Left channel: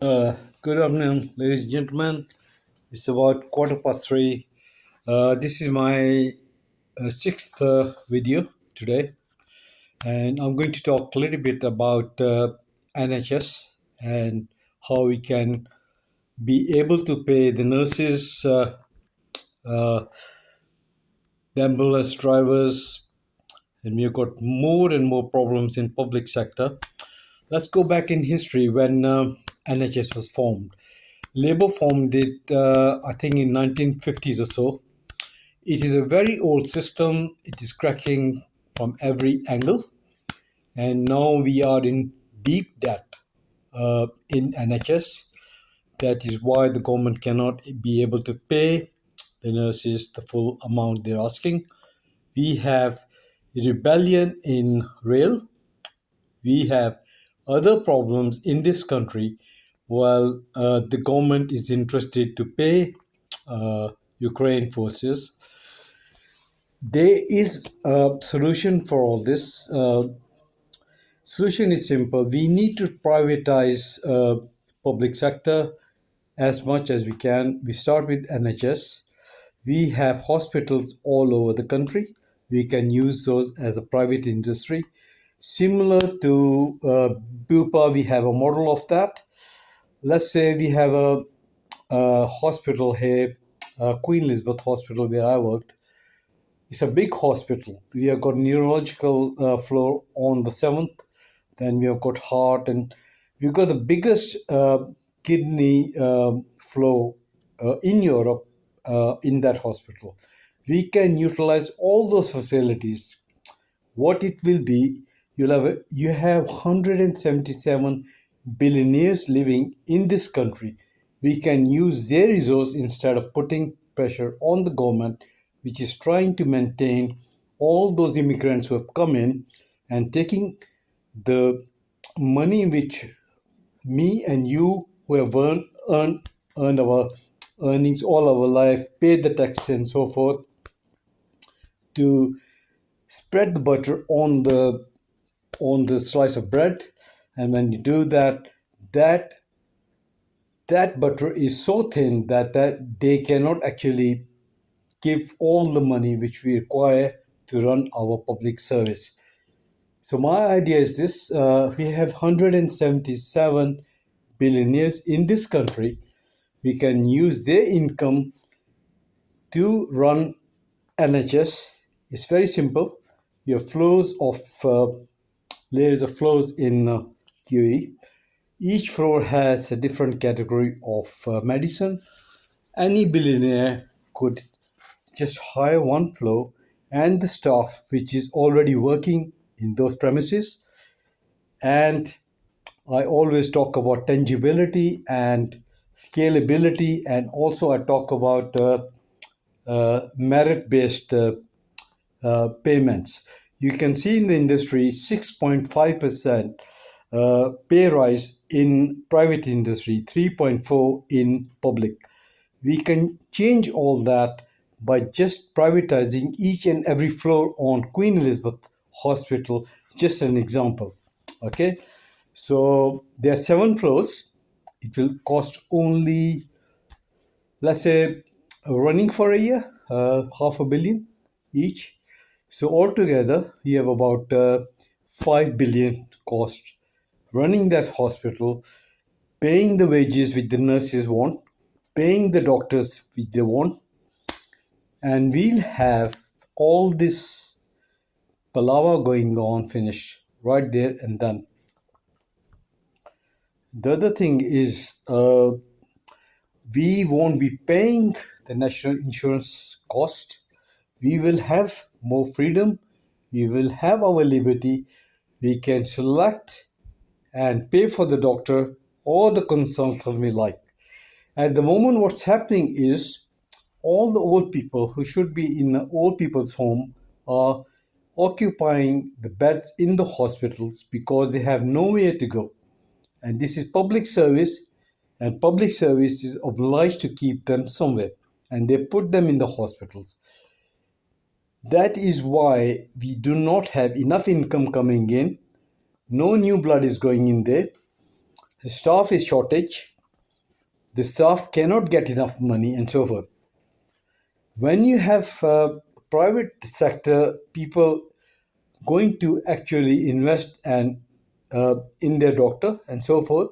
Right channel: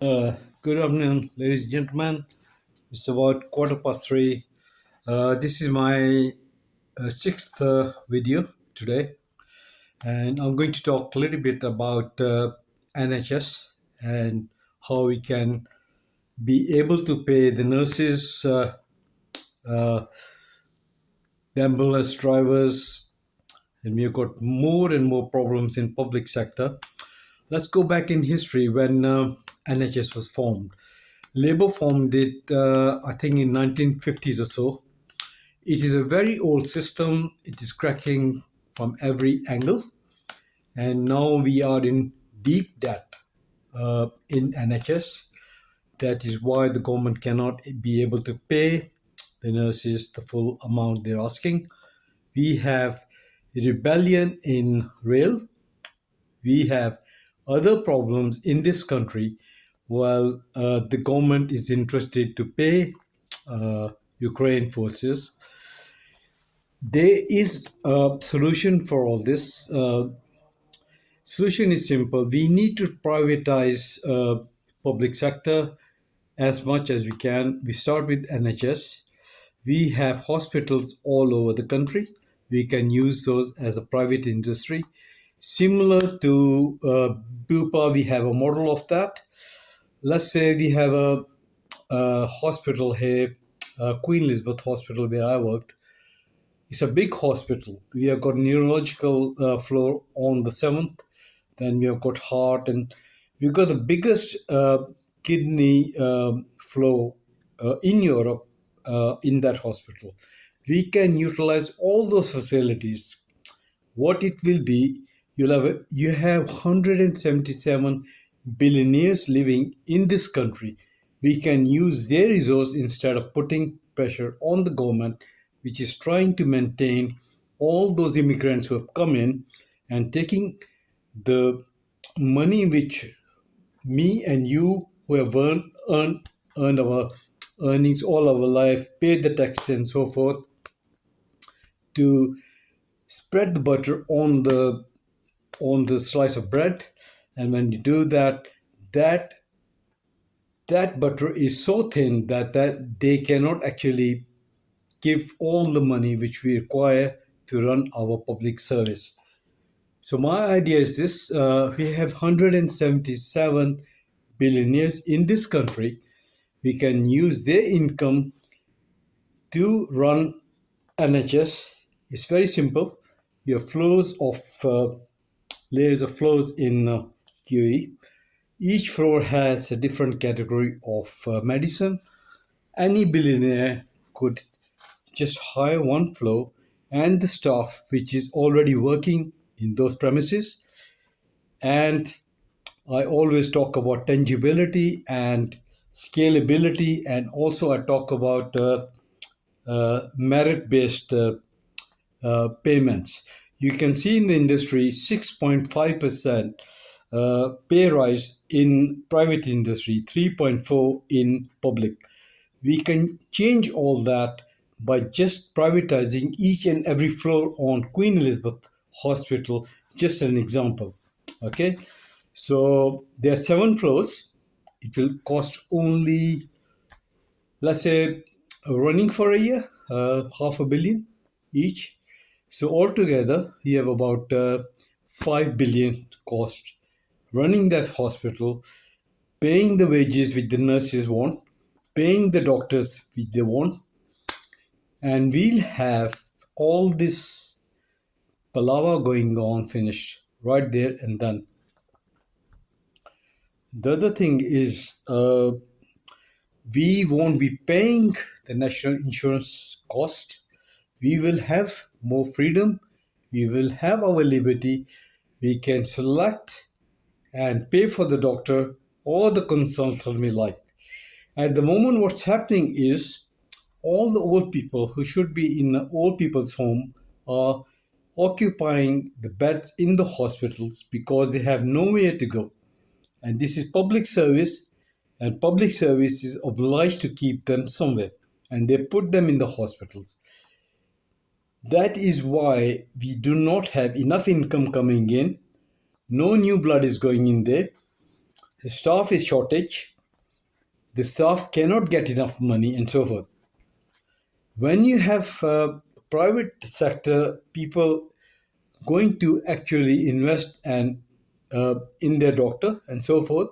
Good afternoon, ladies and gentlemen. It's about quarter past three. This is my sixth video today, and I'm going to talk a little bit about NHS and how we can be able to pay the nurses, uh, the ambulance drivers, and we've got more and more problems in public sector. Let's go back in history when NHS was formed. Labour formed it, I think, in 1950s or so. It is a very old system. It is cracking from every angle, and now we are in deep debt in NHS. That is why the government cannot be able to pay the nurses the full amount they're asking. We have rebellion in rail. We have other problems in this country while the government is interested to pay Ukraine forces. There is a solution for all this. Solution is simple. We need to privatize public sector as much as we can. We start with NHS. We have hospitals all over the country. We can use those as a private industry. Similar to Bupa, we have a model of that. Let's say we have a hospital here, Queen Elizabeth Hospital, where I worked. It's a big hospital. We have got neurological floor on the seventh. Then we have got heart, and we've got the biggest kidney flow in Europe in that hospital. We can utilize all those facilities. What it will be, you have 177 billionaires living in this country. We can use their resource instead of putting pressure on the government, which is trying to maintain all those immigrants who have come in and taking the money which me and you who have earned our earnings all our life, paid the taxes and so forth, to spread the butter on the slice of bread. And when you do that, that that butter is so thin that they cannot actually give all the money which we require to run our public service. So my idea is this: we have 177 billionaires in this country. We can use their income to run NHS. It's very simple. You have floors of layers of floors in QE. Each floor has a different category of medicine. Any billionaire could just hire one floor and the staff which is already working in those premises. And I always talk about tangibility and scalability, and also I talk about merit based payments. You can see in the industry 6.5% pay rise in private industry, 3.4 in public. We can change all that by just privatizing each and every floor on Queen Elizabeth Hospital, just an example. Okay, so there are 7 floors. It will cost only, let's say, running for a year, half a billion each. So altogether, we have about 5 billion cost running that hospital, paying the wages which the nurses want, paying the doctors which they want, and we'll have all this palaver going on finished right there and then. The other thing is we won't be paying the national insurance cost. We will have more freedom. We will have our liberty. We can select and pay for the doctor or the consultant we like. At the moment, what's happening is all the old people who should be in an old people's home are occupying the beds in the hospitals because they have nowhere to go. And this is public service, and public service is obliged to keep them somewhere, and they put them in the hospitals. That is why we do not have enough income coming in. No new blood is going in there. The staff is shortage, the staff cannot get enough money, and so forth. When you have private sector people going to actually invest and in their doctor and so forth,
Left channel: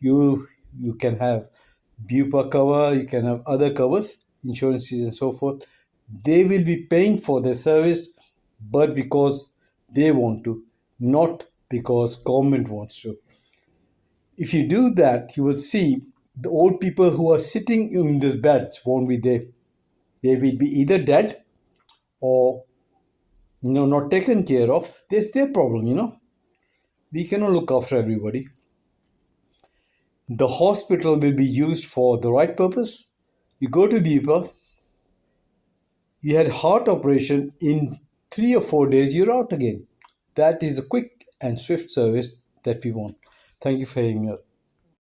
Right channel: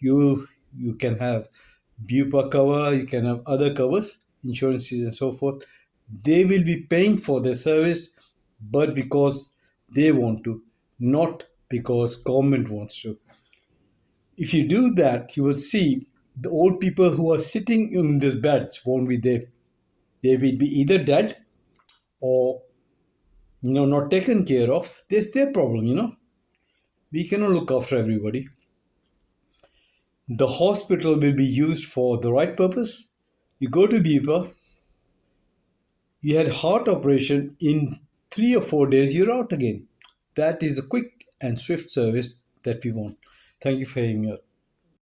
you can have bupa cover, you can have other covers, insurances and so forth. They will be paying for their service, but because they want to, not because government wants to. If you do that, you will see the old people who are sitting in these beds won't be there. They will be either dead or not taken care of. That's their problem. We cannot look after everybody. The hospital will be used for the right purpose. You go to Bipa, you had heart operation in 3 or 4 days, you're out again. That is a quick and swift service that we want. Thank you for hearing me out.